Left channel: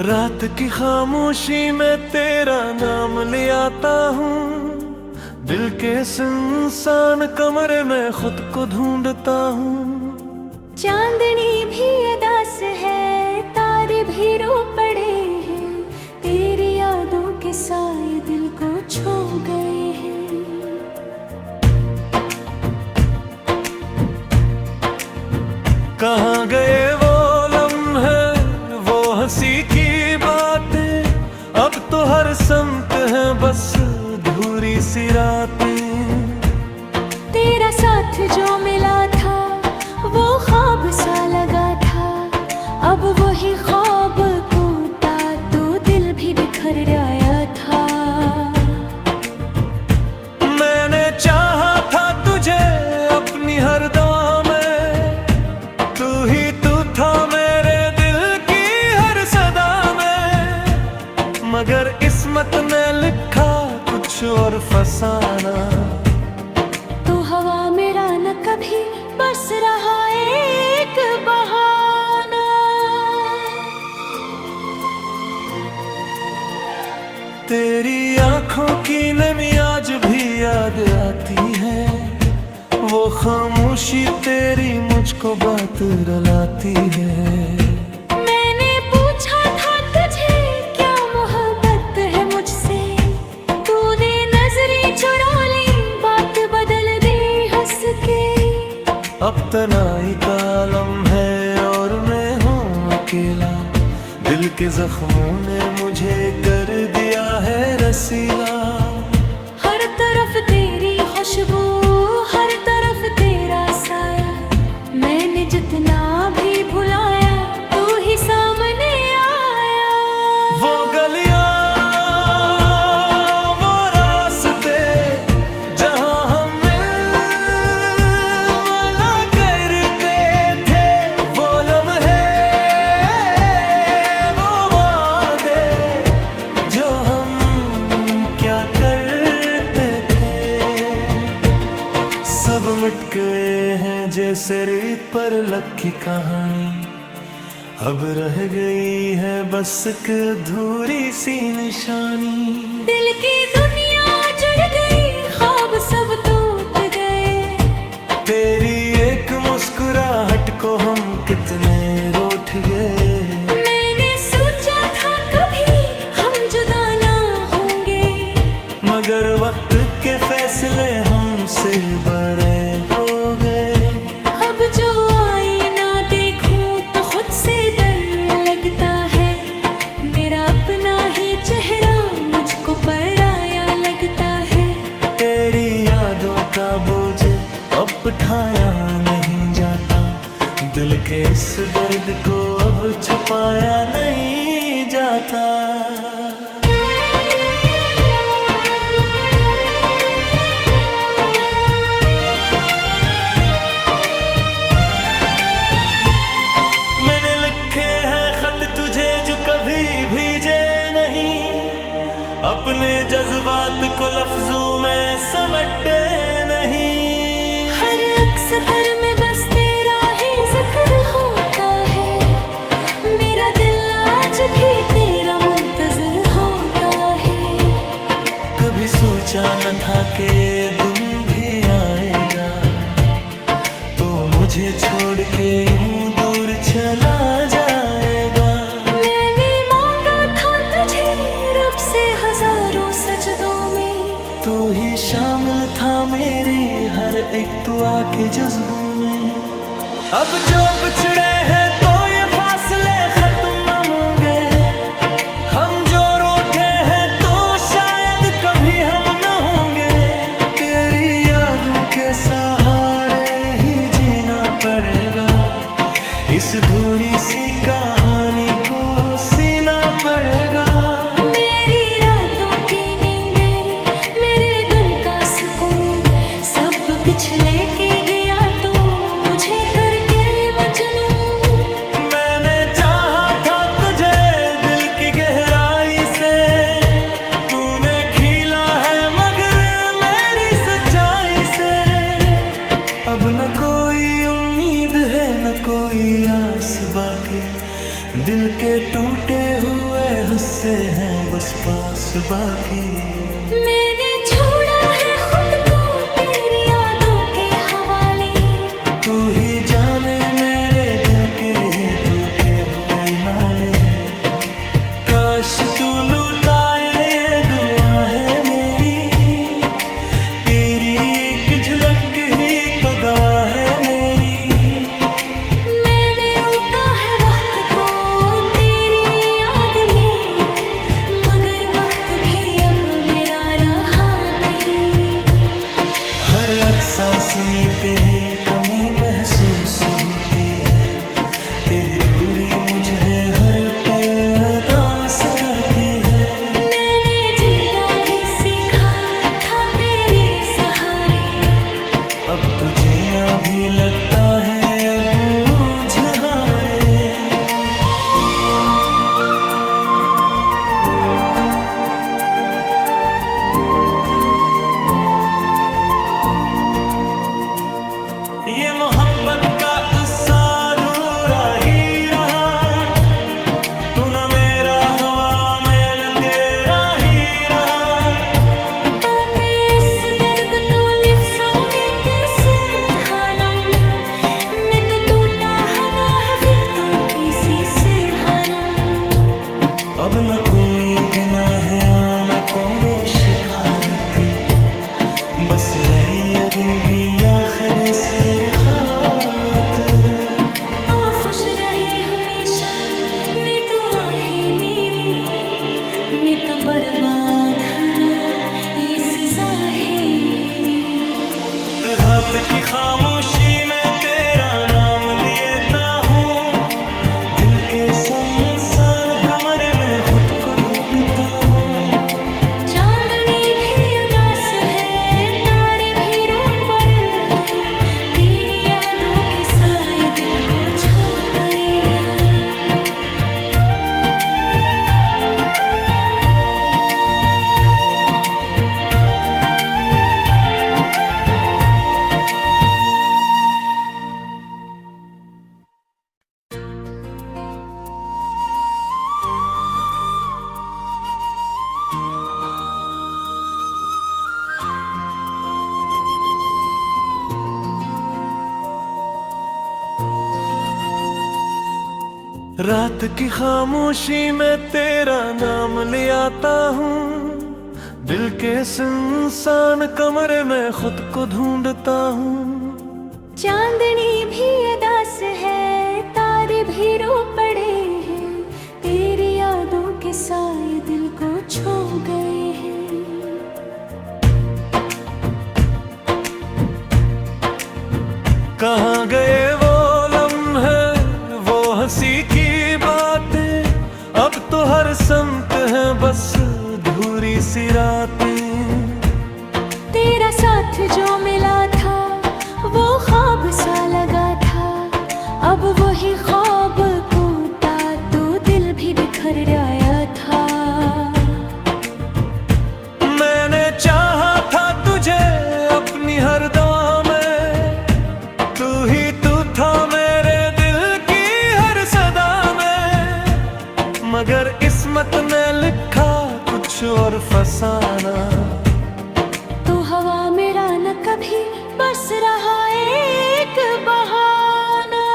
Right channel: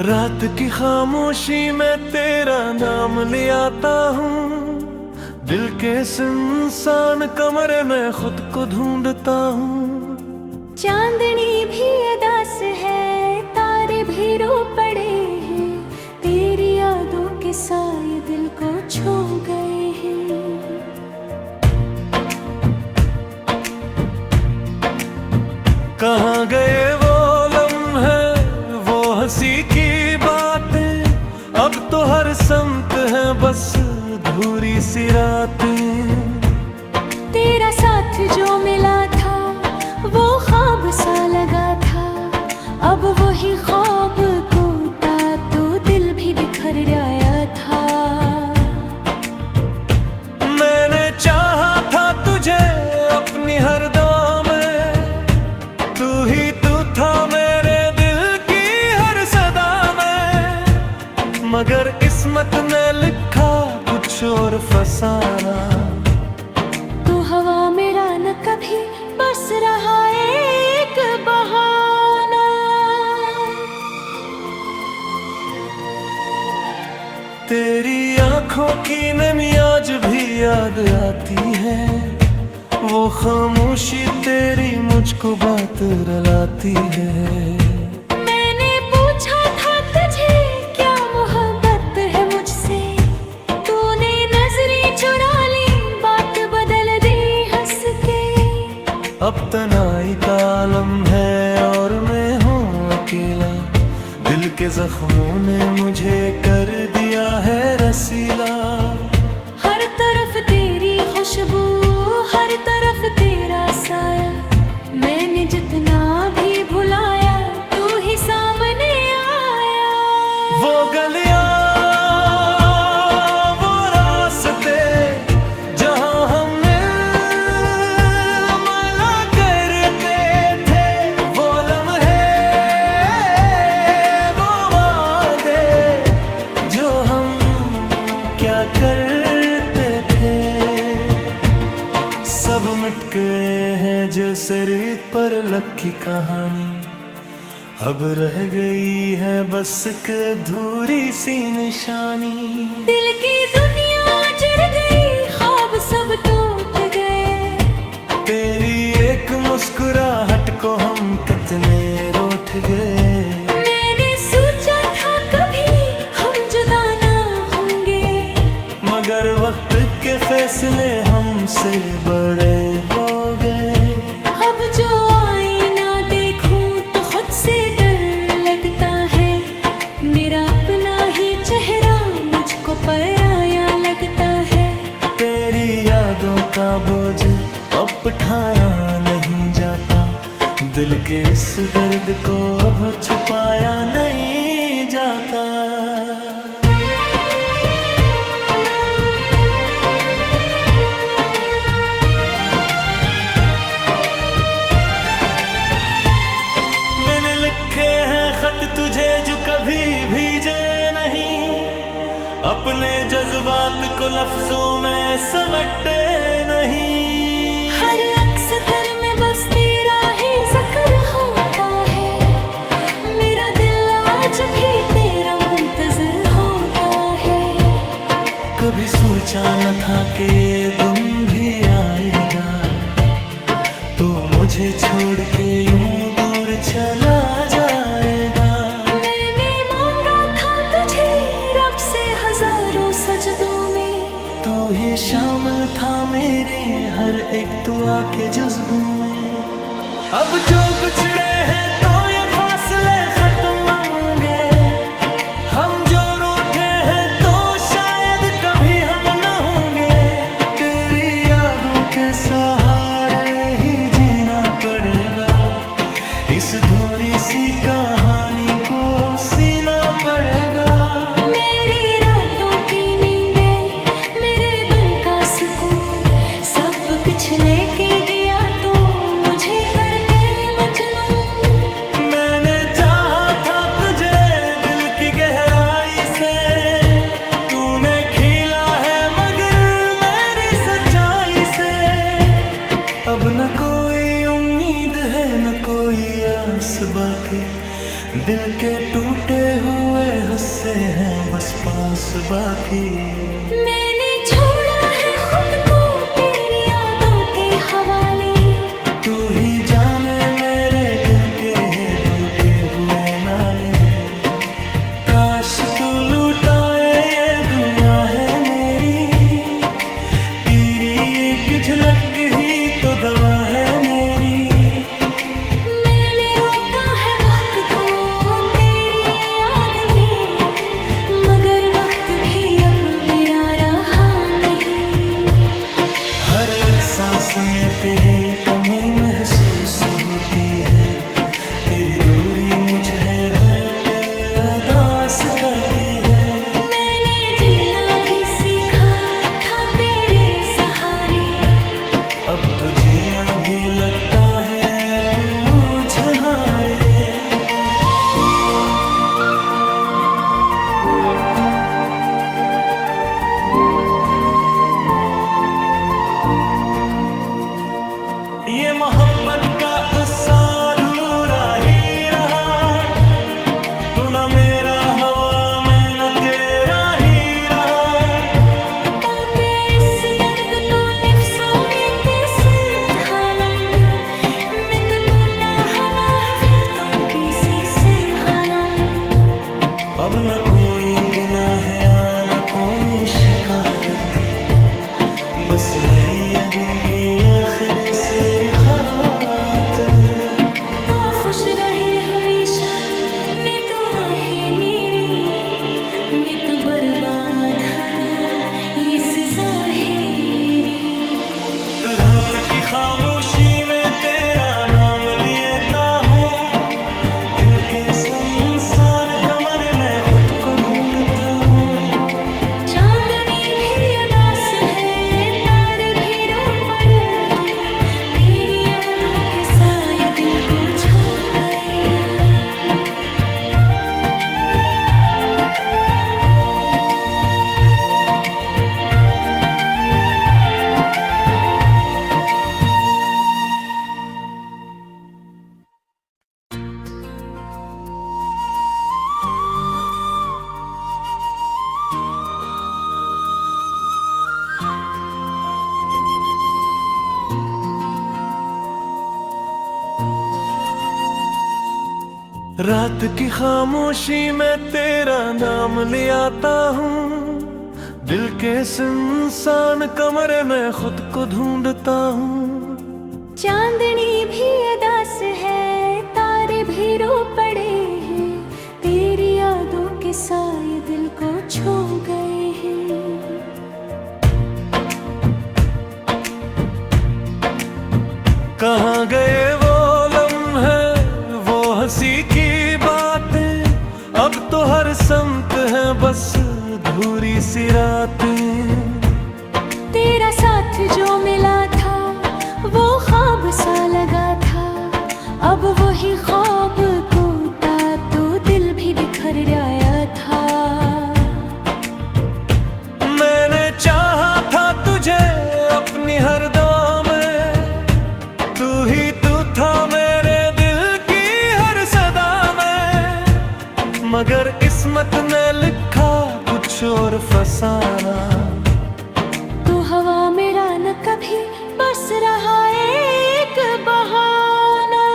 रात की खामोशी में तेरा नाम ले आता हूँ। दिल के सुनसान कमरे में खुद को ढूंढता हूँ। चांदनी भी अदास है, तारे भी रो पड़े हैं, तेरी यादों के साए दिल को छू गए हैं। कहाँ गए वो लम्हे, वो हंसी की बातें, अब तो हर संत है बस धूरी सी रातें। तेरा साथ जो मिला था वो ख्वाब सा लगा था, अब वही ख्वाब टूटा तो दिल भी बिखर आया था। मैंने चाहा था तुझे अपनी हर दुआ में, तू ही तू था मेरे दिल की हर सदा में। मगर किस्मत ने लिखा कुछ और फसाना, तो हवा मेरा न कभी बस रहा एक बहाना। तेरी आंखों की नमी आज भी याद आती है, वो खामोशी तेरी मुझको बात रुलाती है। मैंने पूछा था तुझे क्या मोहब्बत है मुझसे, तूने नजरें चुरा ली, बात बदल दी हंस के। अब तनाई का आलम है और मैं हूँ अकेला, दिल के जख्मों ने मुझे कर दिया है रसीला। हर तरफ तेरी खुशबू, हर तरफ तेरा साया, मैंने जितना भी भुलाया तू ही सामने आया। वो गलियां वो रास्ते जहां हम मिला करते थे, वो लम्हे वो वादे जो हम क्या करते थे, सब मिट गए हैं जैसे रेत पर लखी कहानी। अब रह गई है बस एक अधूरी सी निशानी। दिल की दुनिया जुड़ गई, ख्वाब सब टूट गए, तेरी एक मुस्कुराहट को हम कितने रूठ गए। मैंने सोचा था कभी हम जुदा ना होंगे, मगर वक्त के फैसले हमसे बड़े हो गए। अब जो आईना देखूं तो खुद से डर लगता है, मेरा अपना ही चेहरा मुझको पराया लगता है। तेरी यादों का बोझ अब उठाया नहीं जाता, दिल के इस दर्द को अब छुपाया नहीं जाता। मैंने लिखे हैं खत तुझे जो कभी भीजे नहीं, अपने जज्बात को लफ्जों में समेटे नहीं। हर अक्सर में बस तेरा ही जिक्र होता है, मेरा दिल आज भी तेरा मुंतजर होता है। कभी सोचा न था कि ये दिन भी आएगा, तो मुझे छोड़ के यूं दूर चला जाएगा। मैंने मांगा था तुझे रब से हजारों सजदों में, तू ही शामिल था मेरी हर एक दुआ के जुज़्बों में। अब जो बिछड़े हैं तो ये फासले खत्म होंगे, हम जो रूठे हैं तो शायद कभी हम न होंगे। तेरी यादों के सहारे ही जीना पड़ेगा, इस धूरी सी कहानी को सीना पड़ेगा। मेरी रातों की नींदें, मेरे दिन का सुकून, सब पिछले के गया तो मुझे करके मजनू। मैंने चाहा था तुझे दिल की गहराई से, तूने खीला है मगर मेरी सच्चाई से। अब न कोई उम्मीद है न कोई आस बाकी, दिल के टूटे हुए हिस्से हैं बस पास बाकी। मैंने छोड़ा है खुद को तेरी यादों के हवाले। तू ही जाने मेरे दिल के टूटे हुए नाले। काश तू लुटाए ये दुआ है मेरी। तेरी एक झलक ही तो दवा है मेरी। मैंने रोका है वक्त को तेरी याद में, मगर वक्त भी अब मेरा रहा नहीं। हर एक सांस में तेरी कमी महसूस होती है। तेरी दूरी मुझे हर पल उदास करती है। मैंने जीना भी सीखा था तेरे सहारे। अब तो जीना भी लगता है बोझ हारे। ये मोहब्बत का उत्साह अधूरा ही रहा। तू न मेरा हवा मैं न तेरा ही रहा। ताकि इस दर्द तो लिफ्सों में कैसे ढालूं। मैं तो टूटा हना है फिर तो किसी से हालूं। अब न कोई गिना है आना कोई शिकारत। बस नहीं अरिंगी आखिर से रिखात। ओ खुश रहे हमेशा मैं तो आहे मेरी। मैं तो बर्बाद हरा इस ज़ाहिरी। रात की खामोशी में तेरा नाम लेता हूँ। दिल के सुनसान कमरे में खुद को ढूंढता हूँ। चांदनी भी अदास है तारे भी रो पर हैं। तेरी यादों के साए दिल को छू गए हैं। रात की खामोशी में तेरा नाम ले आता हूँ। दिल के सुनसान कमरे में खुद को ढूंढता हूँ। चांदनी भी अदास है तारे भी रो पड़े हैं। तेरी यादों के साए दिल को छू गए हैं। कहाँ गए वो लम्हे वो हंसी की बातें। अब तो हर संत है बस धूरी सी रातें। तेरा साथ जो मिला था वो ख्वाब सा लगा था। अब वही ख्वाब टूटा तो दिल भी बिखर आया था। मैंने चाहा था तुझे अपनी हर दुआ में। तू ही तू था मेरे दिल की हर सदा में। मगर किस्मत ने लिखा कुछ और फसाना। तू हवा मेरा न कभी बस रहा एक बहाना।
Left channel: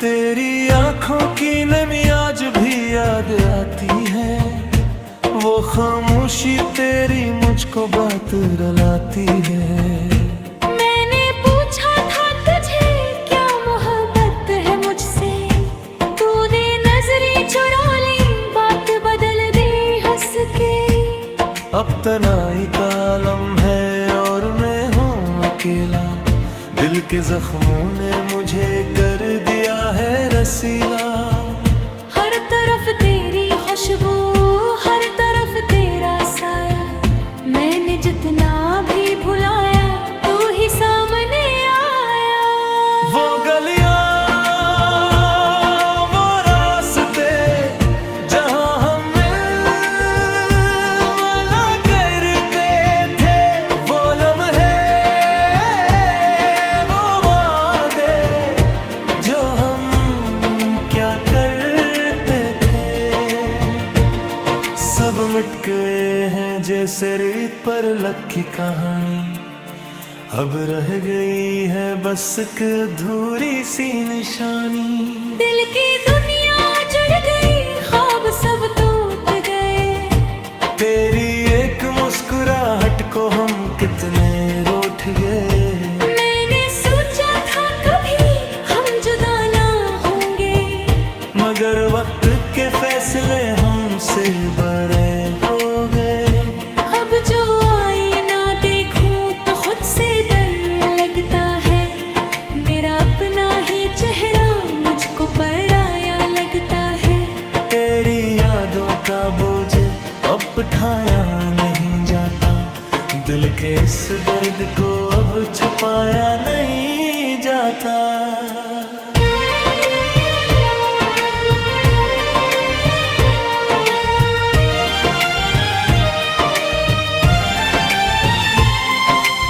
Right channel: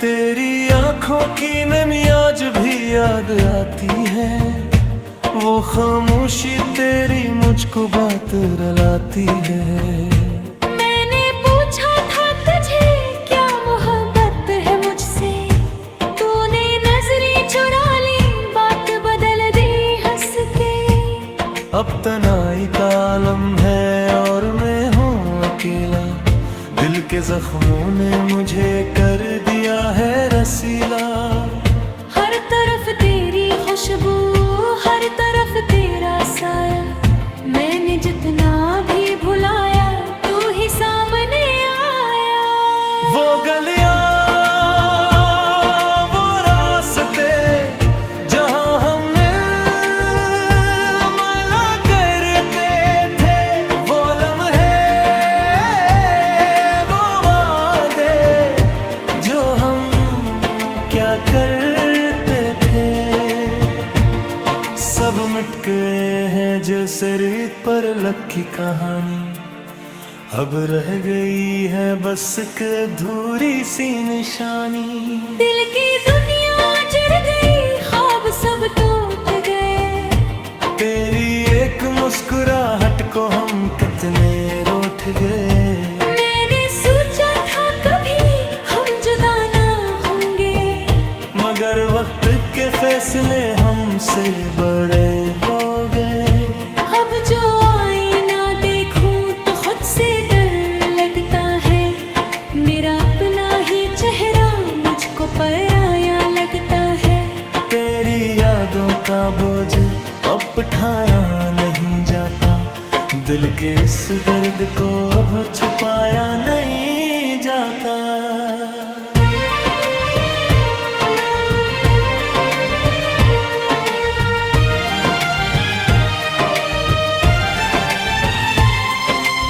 तेरी आंखों की नमी आज भी याद आती है। वो खामोशी तेरी मुझको बात रुलाती है। मैंने पूछा था तुझे क्या मोहब्बत है मुझसे। तूने नजरें चुरा ली बात बदल दी हंस के। अब तनाई का आलम है और मैं हूँ अकेला। दिल के जख्मों ने मुझे कर दिया है रसीला। हर तरफ तेरी खुशबू हर तरफ तेरा साया। मैंने जितना भी भुलाया तू ही सामने आया। वो गलियां वो रास्ते जहां हम मिला करते थे। वो लम्हे वो वादे क्या करते थे। सब मिट गए हैं जैसे रेत पर लकी कहानी, अब रह गई है बस एक अधूरी सी निशानी। दिल की दुनिया जुड़ गई, ख्वाब सब टूट गए। तेरी एक मुस्कुराहट को हम कितने रूठ गए। मैंने सोचा था कभी हम जुदा ना होंगे, मगर वक्त के फैसले हमसे बड़े हो गए। अब जो आईना देखूं तो खुद से डर लगता है। मेरा अपना ही चेहरा मुझको पराया लगता है। तेरी यादों का बोझ अब उठाया नहीं जाता, दिल के इस दर्द को अब छुपाया नहीं जाता।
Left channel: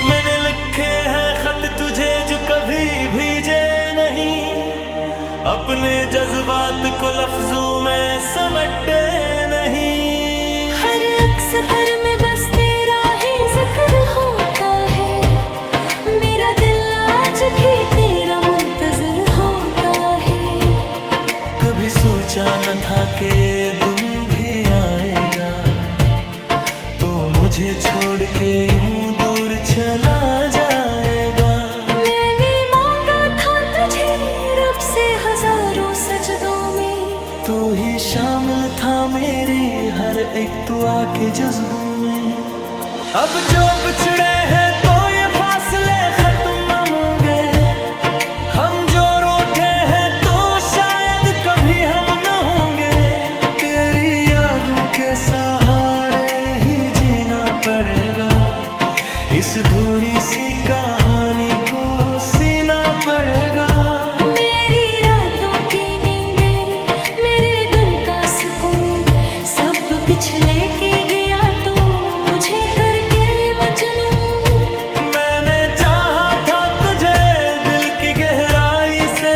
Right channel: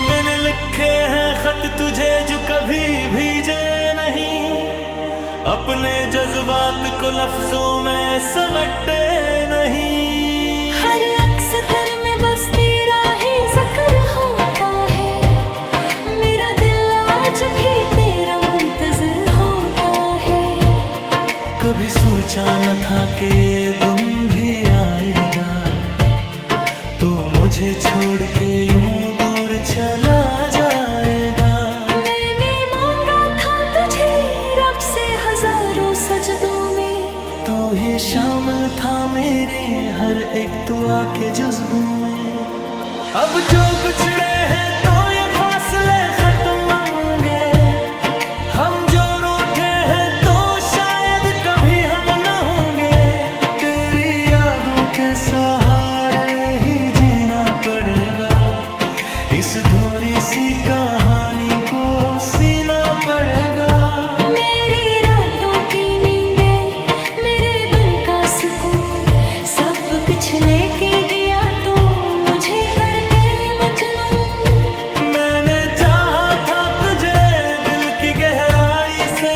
मैंने लिखे हैं खत तुझे जो कभी भीजे नहीं, अपने जज्बात को लफ्जों में समेटे नहीं। हर अक्सर में बस तेरा ही जिक्र होता है। मेरा दिल आज भी तेरा मुंतजर होता है। कभी सोचा न था कि ये दिन भी आएगा, तो मुझे छोड़ के यूं दूर चला जाएगा। मैंने मांगा था तुझे रब से हजारों सजदों में, तू ही शामिल था मेरी हर एक दुआ के जुज़्बों में। अब जो बिछड़े हैं तो ये फासले खत्म होंगे, हम जो रूठे हैं तो शायद कभी हम न होंगे। तेरी यादों के सहारे ही जीना पड़ेगा, इस धूरी सी कहानी को सीना पड़ेगा। मेरी रातों की नींदें, मेरे दिन का सुकून, सब पिछले के गया तो मुझे करके मजनू। मैंने चाहा था तुझे दिल की गहराई से,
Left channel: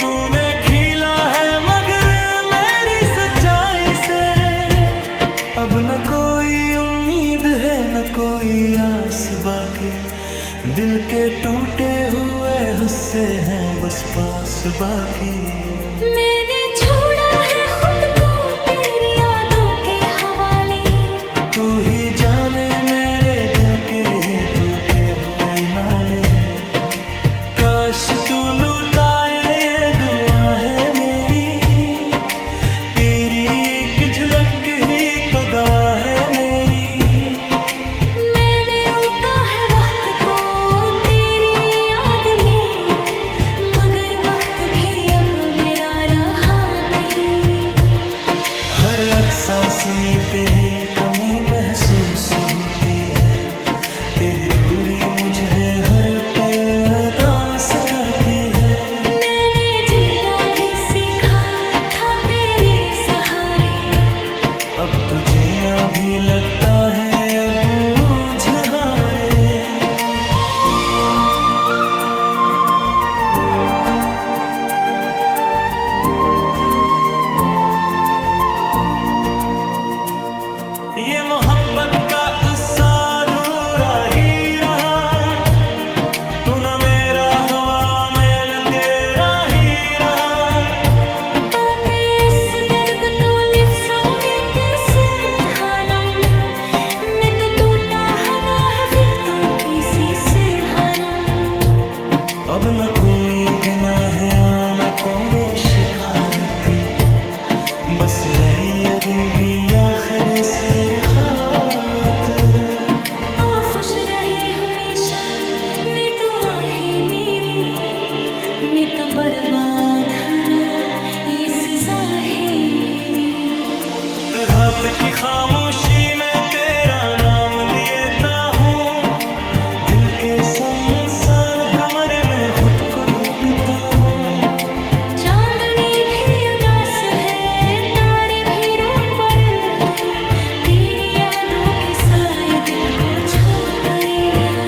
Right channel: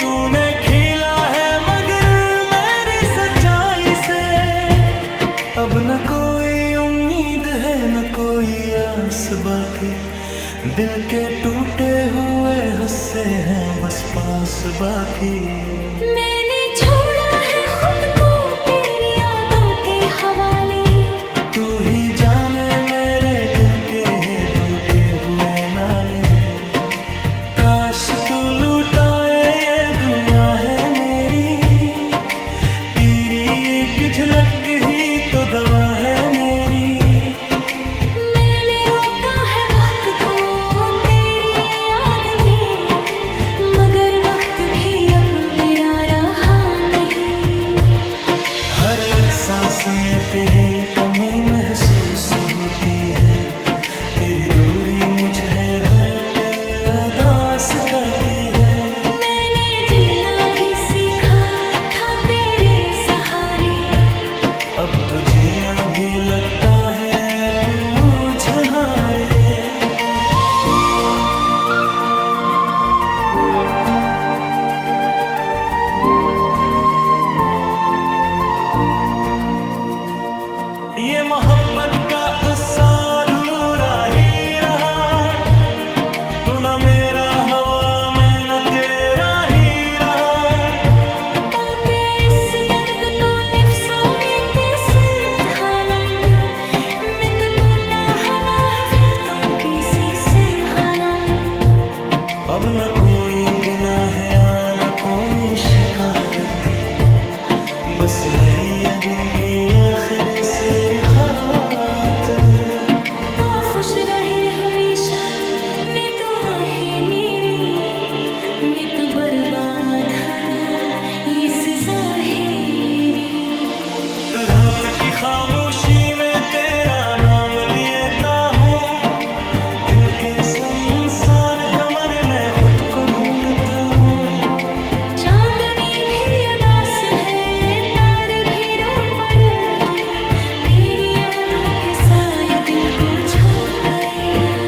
तूने खीला है मगर मेरी सच्चाई से। अब न कोई उम्मीद है न कोई आस बाकी, दिल के टूटे हुए हिस्से हैं बस पास बाकी। मैंने छोड़ा है खुद को तेरी यादों के हवाले, तू ही जाने मेरे दिल के टूटे हुए नाले। काश तू लुटाए ये दुआ है मेरी, तेरी एक झलक ही तो दवा है मेरी। मैंने रोका है वक्त को तेरी याद में, मगर वक्त भी अब मेरा रहा नहीं। हर एक सांस में तेरी कमी महसूस होती है, तेरी दूरी मुझे हर पल उदास करती है। मैंने जीना भी सीखा था तेरे सहारे, अब तो जीना भी लगता है बोझ हारे। ये मोहब्बत का गुस्सा अधूरा ही रहा, तू न मेरा हवा मैं न तेरा ही रहा। ताकि इस दर्द तो लिफ्सों में कैसे ढालूं, मैं तो टूटा हना है फिर किसी से हालूं। अब न कोई गिना है आनकों में शिकारत, बस नहीं है जिनकी आखिर से रिखात। ओ खुश रहे हमेशा ने तो आहे मेरी, मैं तो बर्बाद हरा इस ज़ाहिरी। रब की खामोशी में तेरा नाम लेता हूँ, दिल के सुनसान कमरे में खुद को ढूंढता हूँ। चांदनी भी अदास है, तारे भी रो पर, तेरी यादों के साए दिल को छू गए हैं।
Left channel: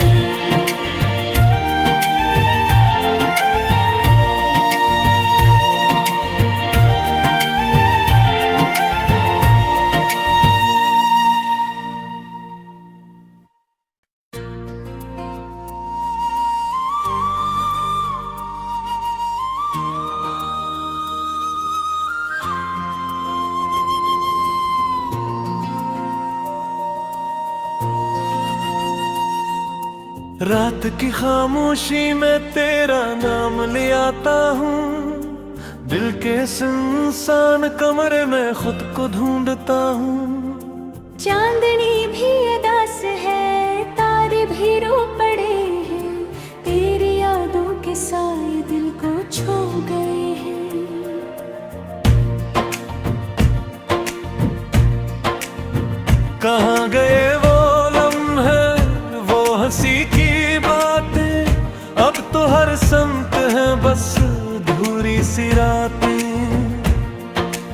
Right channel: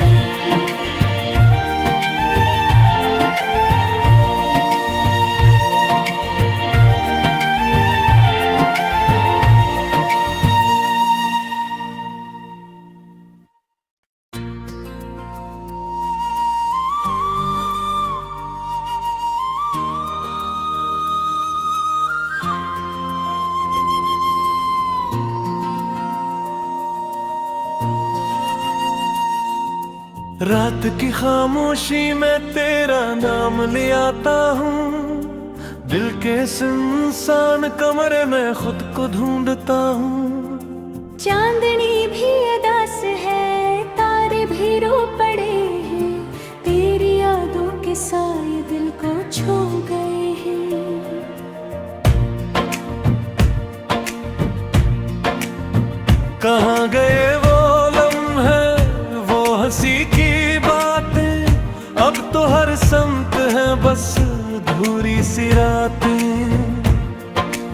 रात की खामोशी में तेरा नाम ले आता हूँ, दिल के सुनसान कमरे में खुद को ढूंढता हूँ। चांदनी भी अदास है, तारे भी रो पड़े हैं, तेरी यादों के साए दिल को छू गए हैं। कहाँ गए वो लम्हे, वो हंसी की बातें, अब तो हर संत है बस धूरी सी रातें।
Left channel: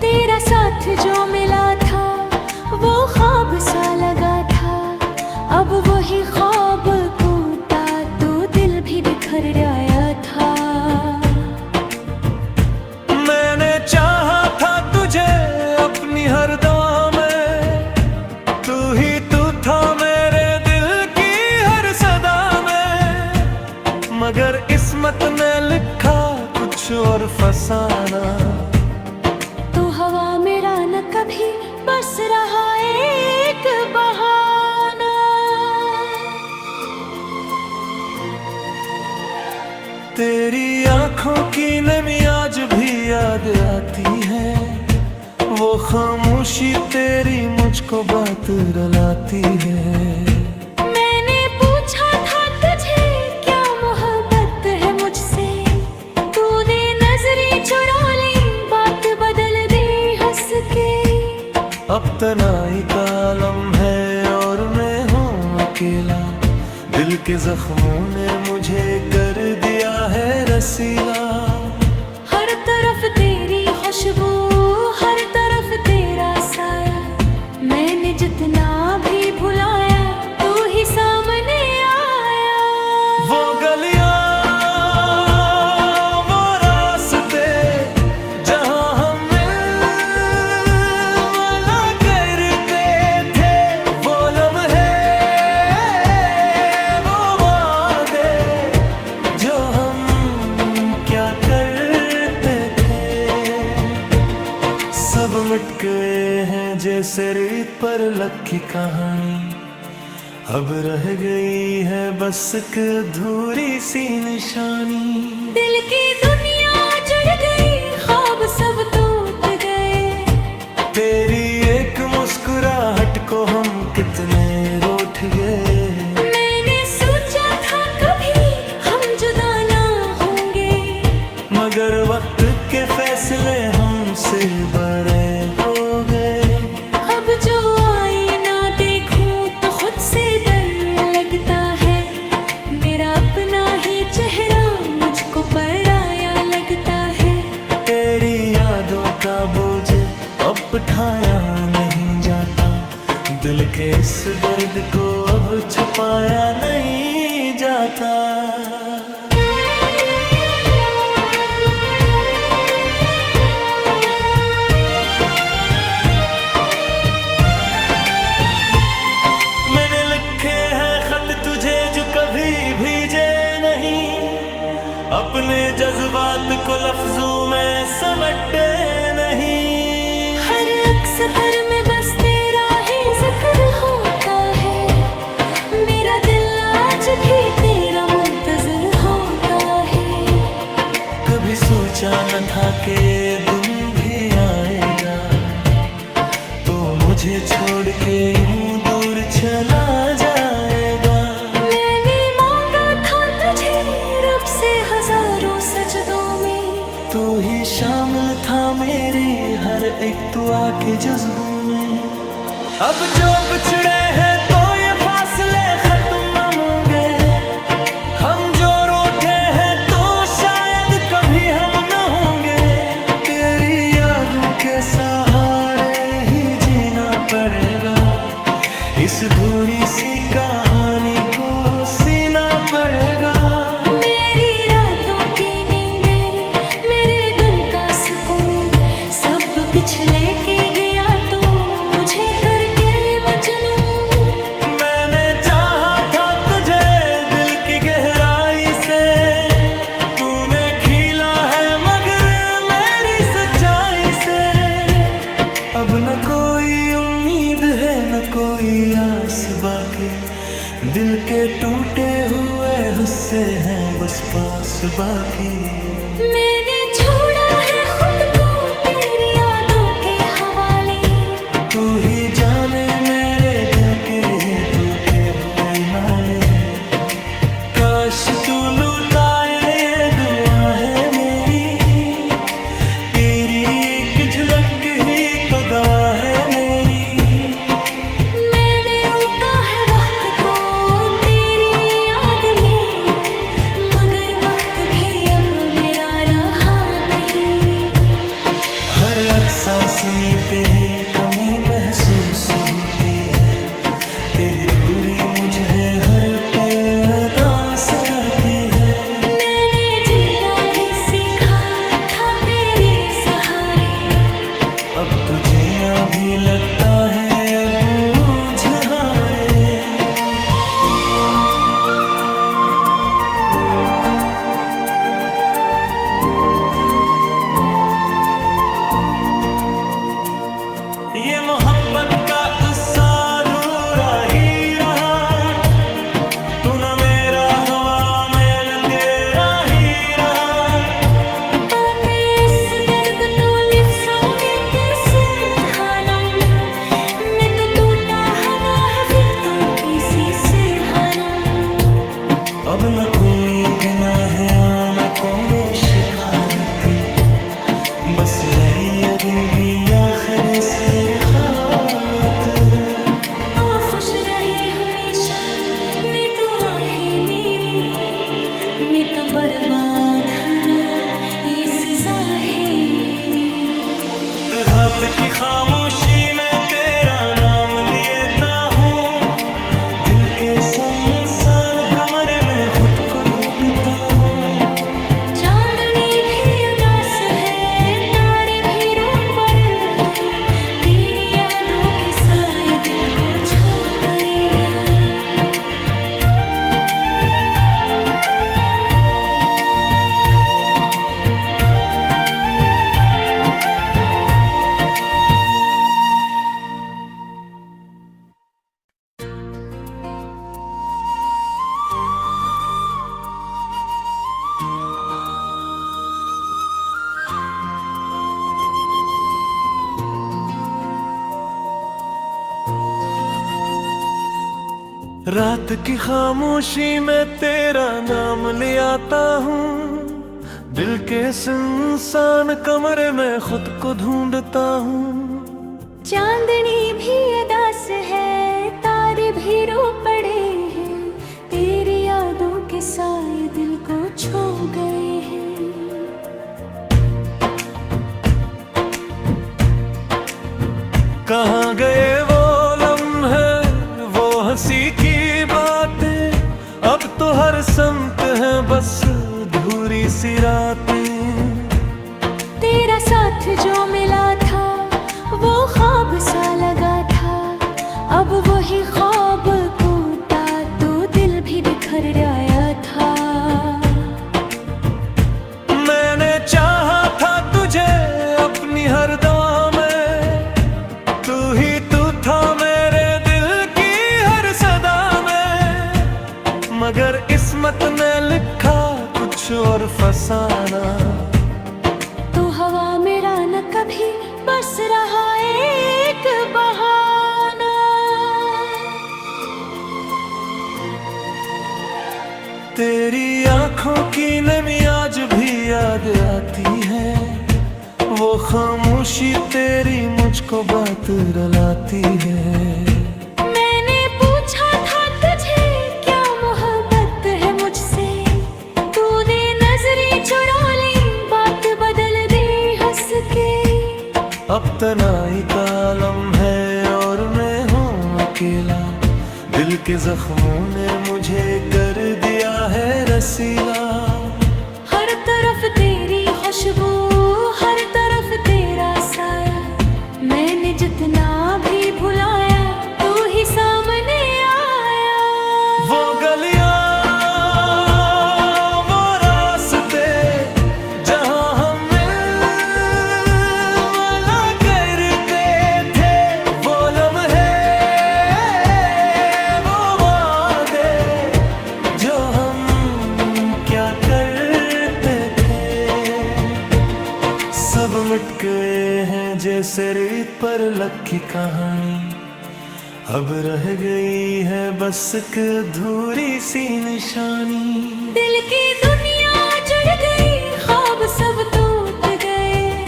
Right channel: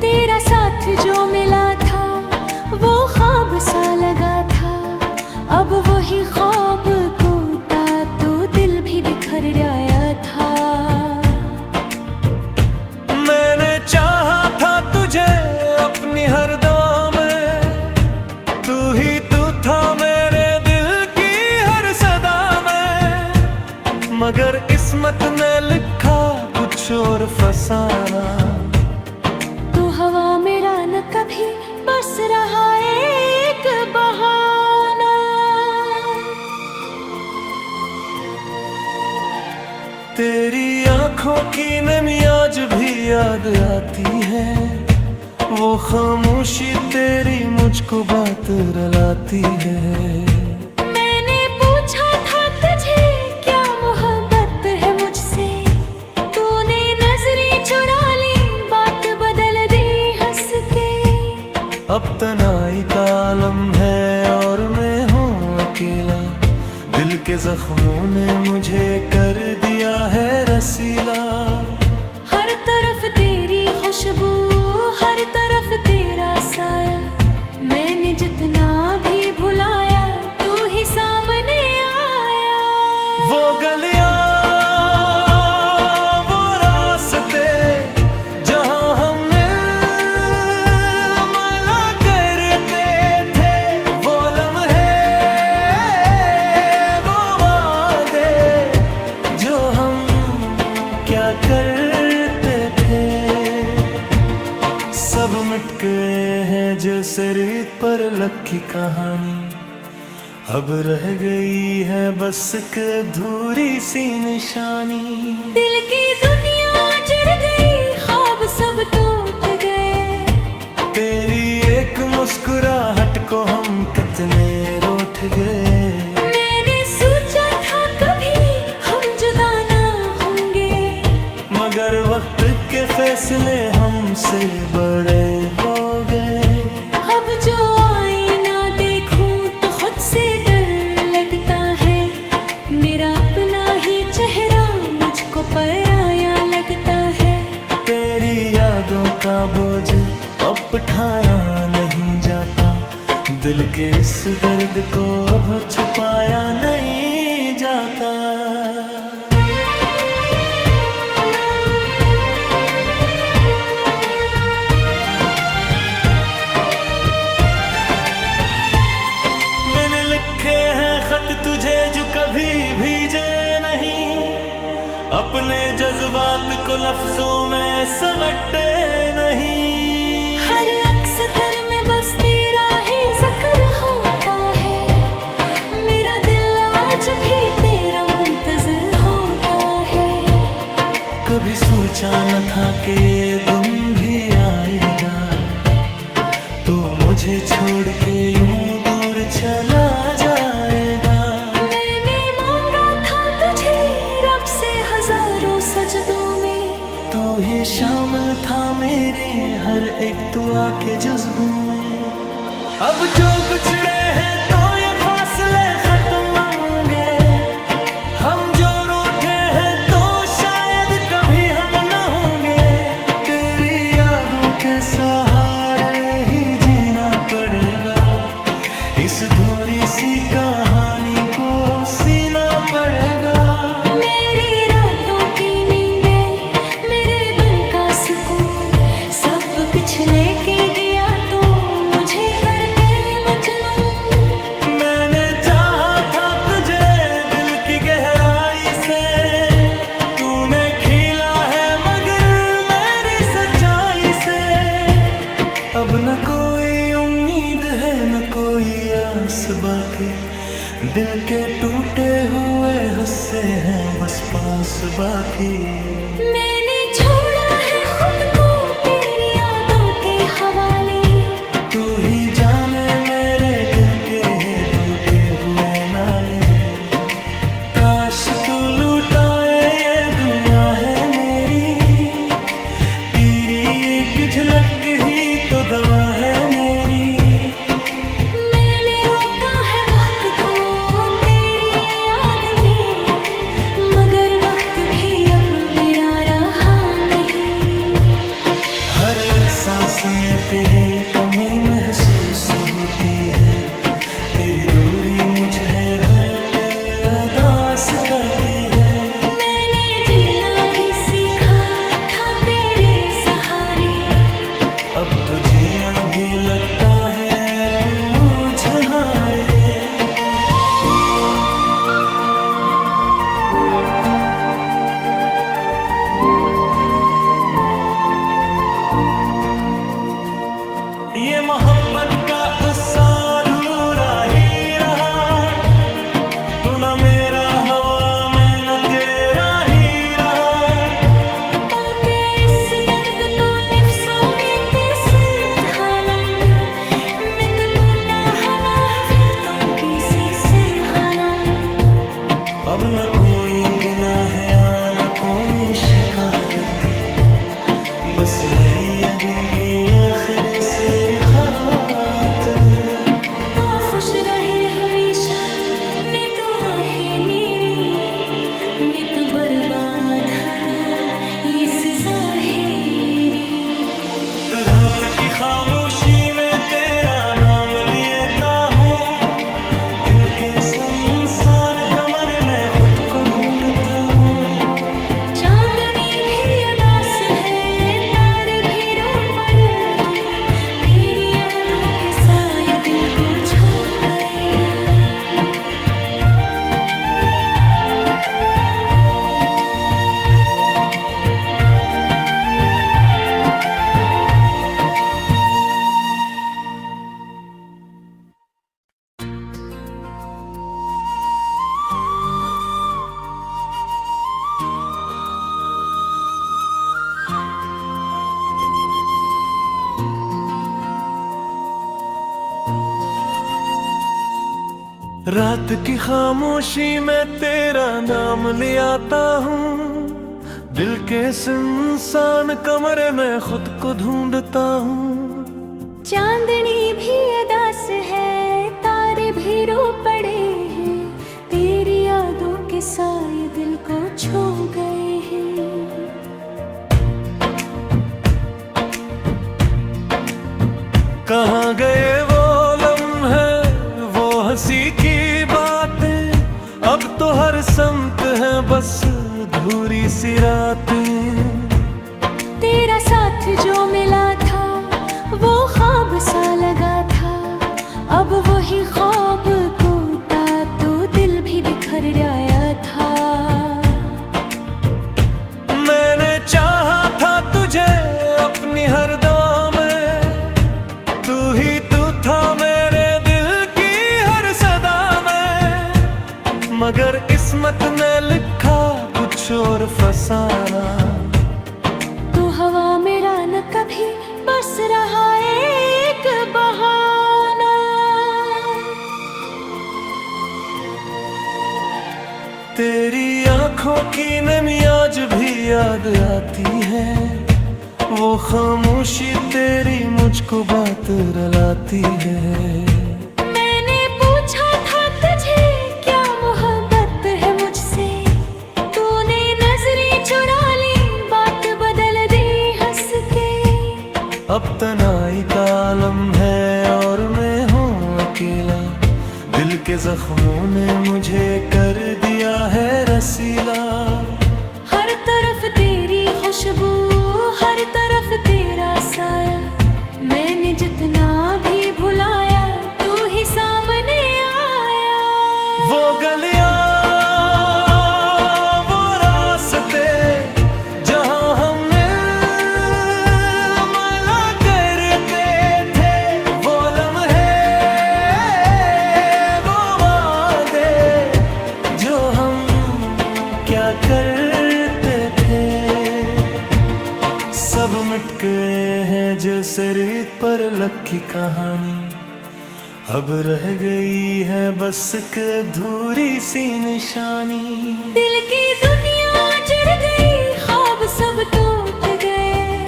तेरा साथ जो मिला था वो ख्वाब सा लगा था, अब वही ख्वाब टूटा तो दिल भी बिखर आया था। मैंने चाहा था तुझे अपनी हर दुआ में, तू ही तू था मेरे दिल की हर सदा में, मगर किस्मत ने लिखा कुछ और फसाना। तू हवा मेरा न कभी बस रहा एक बहाना। तेरी आंखों की नमी आज भी याद आती है, वो खामोशी तेरी मुझको बात रुलाती है। मैंने पूछा था तुझे क्या मोहब्बत है मुझसे, तूने नजरें चुरा ली, बात बदल दी हंस के। अब तनाई का आलम है और मैं हूँ अकेला, दिल के जख्मों ने मुझे कर दिया है रसीला। हर तरफ तेरी खुशबू, हर तरफ तेरा साया, मैंने जितना भी भुलाया तू ही सामने आया। वो गलियां वो रास्ते जहां हम मिला करते थे, वो लम्हे वो वादे जो हम क्या करते थे, सब मिट गए हैं जैसे रेत पर लखी कहानी। अब रह गई है बस एक अधूरी सी निशानी। दिल की दुनिया जुड़ गई, ख्वाब सब टूट गए, तेरी एक मुस्कुराहट को हम कितने रूठ गए। मैंने सोचा था कभी हम जुदा ना होंगे, मगर वक्त के फैसले हमसे बड़े हो गए। अब जो आईना देखूं तो खुद से डर लगता है, मेरा अपना ही चेहरा मुझको पराया लगता है। तेरी यादों का बोझ अब उठाया नहीं जाता, दिल के इस दर्द को अब छुपाया नहीं जाता। मैंने लिखे हैं खत तुझे जो कभी भीजे नहीं, अपने जज्बात को लफ्जों में समेटे नहीं। हर अक्सर में बस तेरा ही जिक्र होता है, मेरा दिल आज भी तेरा मुंतजर होता है। कभी सोचा न था कि ये दिन भी आएगा, तो मुझे छोड़ के यूं दूर चला जाएगा। मैंने मांगा था तुझे रब से हजारों सजदों में, तू ही शामिल था मेरी हर एक दुआ के जुज़्बों में। अब जो बिछड़े हैं तो ये फासले खत्म होंगे, हम जो रूठे हैं तो शायद कभी हम न होंगे। तेरी यादों के सहारे ही जीना पड़ेगा, इस धूरी सी कहानी को सीना पड़ेगा। मेरी रातों की नींदें, मेरे दिन का सुकून, सब पिछले के गया तो मुझे करके मजनू। मैंने चाहा था तुझे दिल की गहराई से, तूने खीला है मगर मेरी सच्चाई से। अब न कोई उम्मीद है न कोई आस बाकी, दिल के टूटे हुए हिस्से हैं बस पास बाकी। मैंने छोड़ा है खुद को तेरी यादों के हवाले। तू ही जाने मेरे दिल के टूटे हुए नाले। काश तू लुटाए ये दुआ है मेरी। तेरी एक झलक ही तो दवा है मेरी। मैंने रोका है वक्त को तेरी याद में, मगर वक्त भी अब मेरा रहा नहीं। हर एक सांस में तेरे कमी महसूस होती है। तेरी दूरी मुझे हर पल उदास करती है। मैंने जीना भी सीखा था तेरे सहारे। अब तो जीना भी लगता है बोझ हारे। ये मोहब्बत का उत्साह अधूरा ही रहा। तू न मेरा हवा मैं न तेरा ही रहा। ताकि इस दर्द तो लिफ्सों में कैसे ढालूं। मैं तो टूटा हना है फिर किसी से हालूं। अब न कोई बिना है आना कोई शिकारत। बस नहीं जिंदगी आखिर से खात। ओ खुश रहे हमेशा मैं तो आहे मेरी। मैं तो बर्बाद हरा इस ज़ाहिरी। रब की खामोशी में तेरा नाम लेता हूँ। दिल के सुनसान कमरे में खुद को ढूंढता हूँ। चांदनी भी अदास है तारे भी रो पर हैं। तेरी यादों के साए दिल को छू गए हैं। रात की खामोशी में तेरा नाम ले आता हूँ। दिल के सुनसान कमरे में खुद को ढूंढता हूँ। चांदनी भी अदास है तारे भी रो पड़े हैं। तेरी यादों के साए दिल को छू गए हैं। कहाँ गए वो लम्हे वो हंसी की बातें। अब तो हर संत है बस धूरी सी रातें। तेरा साथ जो मिला था वो ख्वाब सा लगा था। अब वही ख्वाब टूटा तो दिल भी बिखर आया था। मैंने चाहा था तुझे अपनी हर दुआ में। तू ही तू था मेरे दिल की हर सदा में। मगर किस्मत ने लिखा कुछ और फसाना। तू हवा मेरा न कभी बस रहा एक बहाना। तेरी आंखों की नमी आज भी याद आती है। वो खामोशी तेरी मुझको बात रुलाती है। मैंने पूछा था तुझे क्या मोहब्बत है मुझसे। तूने नजरें चुरा ली बात बदल दी हंस के। अब तनाई का आलम है और मैं हूँ अकेला। दिल के जख्मों ने मुझे कर दिया है रसीला। हर तरफ तेरी खुशबू हर तरफ तेरा साया। मैंने जितना भी भुलाया तू ही सामने आया। वो गलियां वो रास्ते जहां हम मिला करते थे। वो लम्हे वो वादे सब मिट गए हैं जैसे रेत पर लकी कहानी, अब रह गई है बस एक अधूरी सी निशानी। दिल की दुनिया जुड़ गई, ख्वाब सब टूट गए,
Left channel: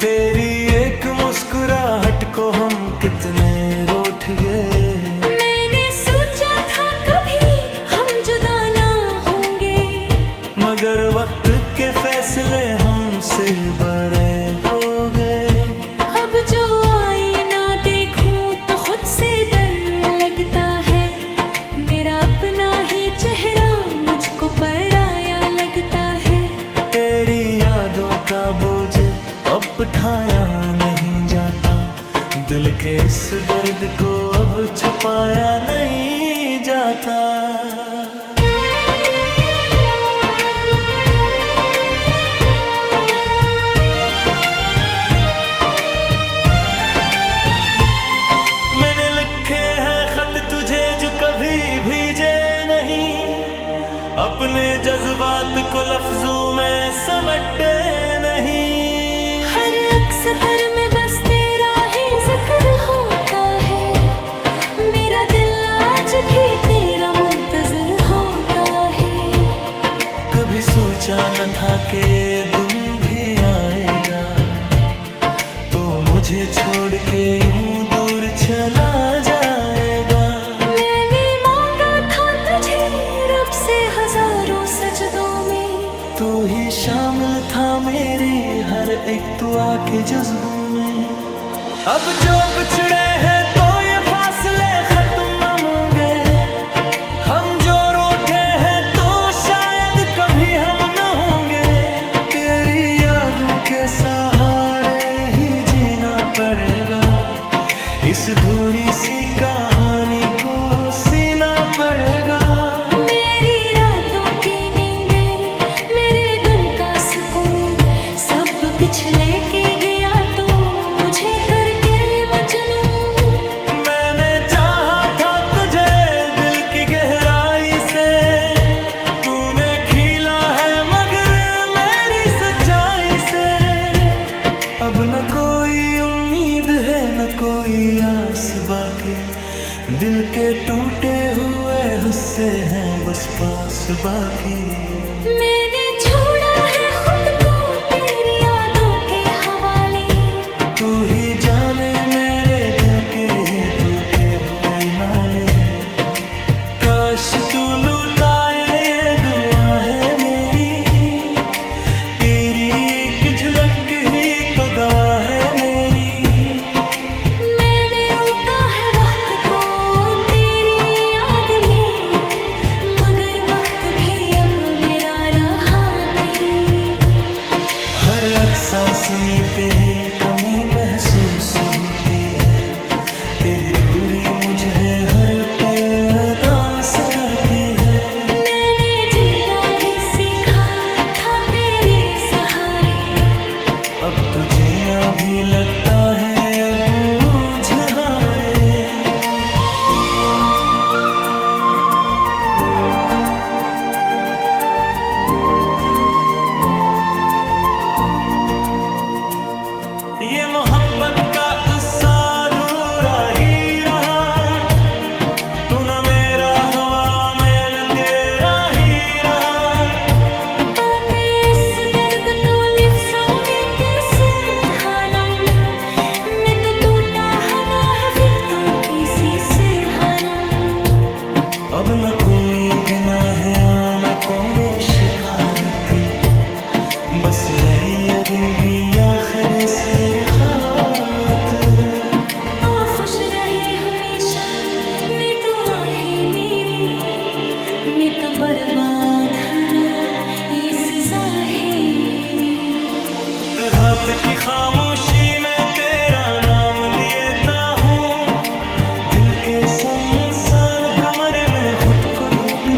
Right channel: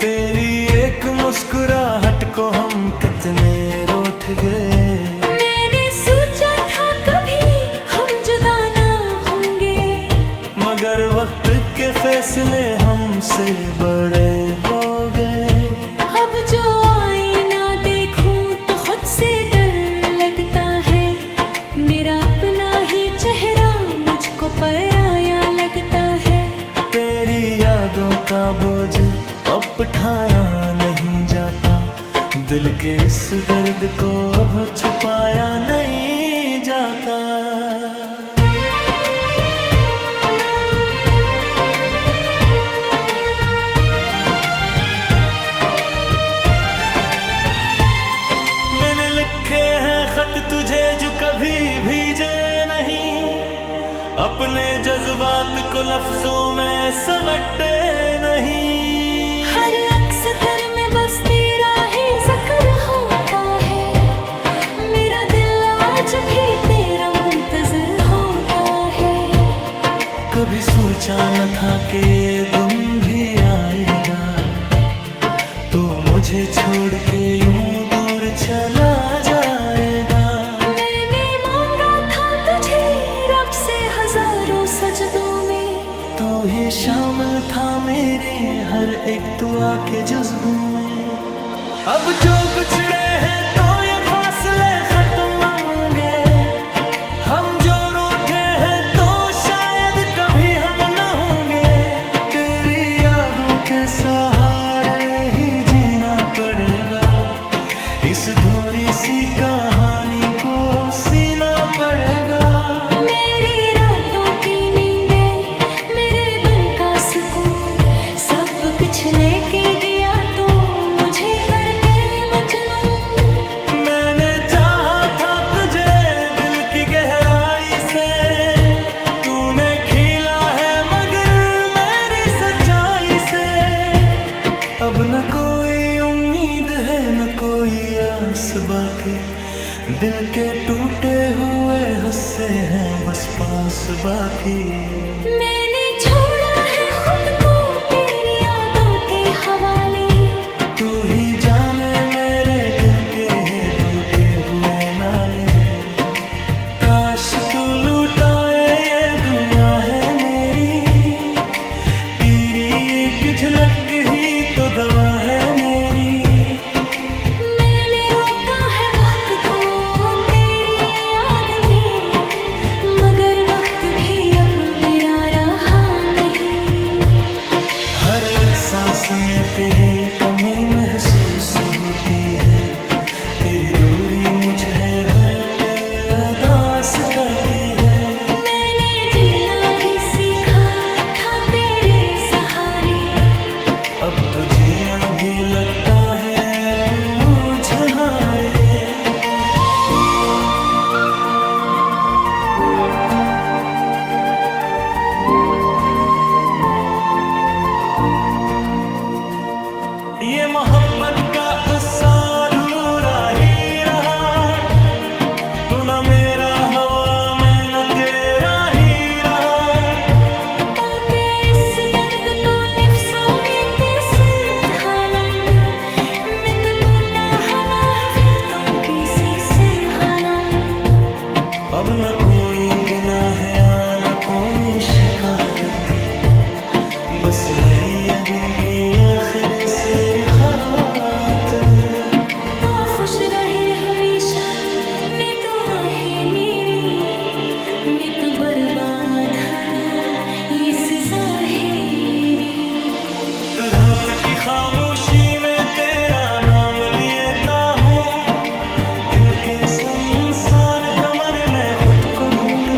तेरी एक मुस्कुराहट को हम कितने रूठ गए। मैंने सोचा था कभी हम जुदा ना होंगे, मगर वक्त के फैसले हमसे बड़े हो गए। अब जो आईना देखूं तो खुद से डर लगता है, मेरा अपना ही चेहरा मुझको पराया लगता है। तेरी यादों का बोझ अब उठाया नहीं जाता, दिल के इस दर्द को अब छुपाया नहीं जाता। मैंने लिखे हैं खत तुझे जो कभी भीजे नहीं, अपने जज्बात को लफ्जों में समेटे नहीं। हर अक्सर में बस तेरा ही जिक्र होता है, मेरा दिल आज भी तेरा मुंतजर होता है। कभी सोचा न था कि ये दिन भी आएगा, तो मुझे छोड़ के यूं दूर चला जाएगा। मैंने मांगा था तुझे रब से हजारों सजदों में, तू ही शामिल था मेरी हर एक दुआ के जुज़्बों में। अब जो बिछड़े हैं तो ये फासले खत्म होंगे, हम जो रूठे हैं तो शायद कभी हम न होंगे। तेरी यादों के सहारे ही जीना पड़ेगा, इस धूरी सी कहानी को सीना पड़ेगा। मेरी रातों की नींदें, मेरे दिन का सुकून, सब पिछले के गया तो मुझे करके मजनू। मैंने चाहा था तुझे दिल की गहराई से, तूने खिला है मगर मेरी सच्चाई से। अब न कोई उम्मीद है न कोई आस बाकी, दिल के टूटे हुए हिस्से हैं बस पास बाकी। मैंने छोड़ा है खुद को तेरी यादों के हवाले, तू ही जाने मेरे दिल के टूटे हुए नाले। काश तू लुटाए ये दुआ है मेरी, तेरी एक झलक ही तो दवा है मेरी। मैंने रोका है वक्त को तेरी याद में, मगर वक्त भी अब मेरा रहा नहीं। हर एक सांस में तेरी कमी महसूस होती है, तेरी दूरी मुझे हर पल उदास करती है। मैंने जीना भी सीखा था तेरे सहारे, अब तो जीना भी लगता है बोझ हारे। ये मोहब्बत का गुस्सा अधूरा ही रहा, तू न मेरा हवा मैं न तेरा ही रहा। ताकि इस दर्द तो लिफ्सों में कैसे ढालूं, मैं तो टूटा हना है फिक्रों की सी हालूं। अब न कोई गिना है आनकों में शिकारती, बस नहीं अरिंगी आखिर से रिखात। तो खुश रहे हमेशा मैं तो आहे मेरी, मैं तो बर्बाद हरा इस ज़ाहिरी। रात की खामोशी में तेरा नाम लेता हूँ, दिल के सुनसान कमरे में खुद को ढूंढ